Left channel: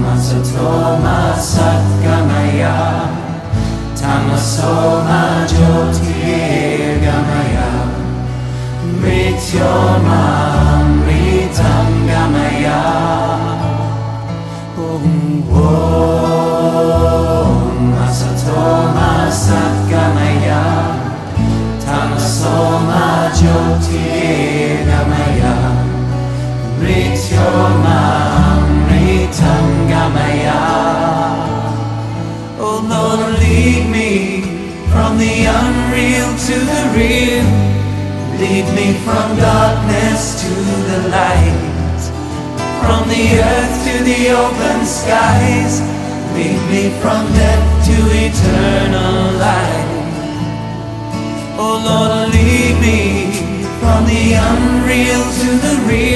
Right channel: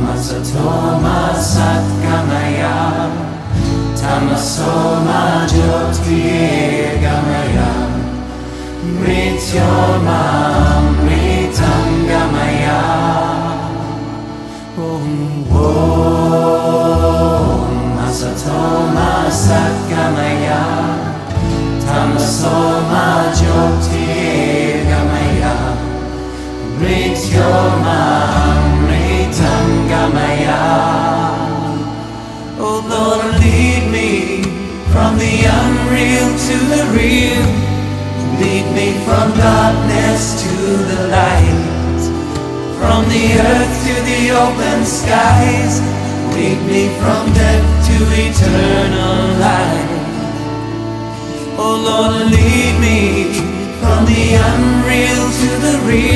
Masato ma satgamaya, tamaso ma jyotirgamaya, mrityorma amritam gamaya. Masato ma satgamaya, tamaso ma jyotirgamaya, mrityorma amritam gamaya. Oh Lord, lead me from the unreal to the real. Lead me from darkness to the light, from the earth to the open skies. Lead me from death to eternal life. Oh Lord, lead me from the unreal to the real.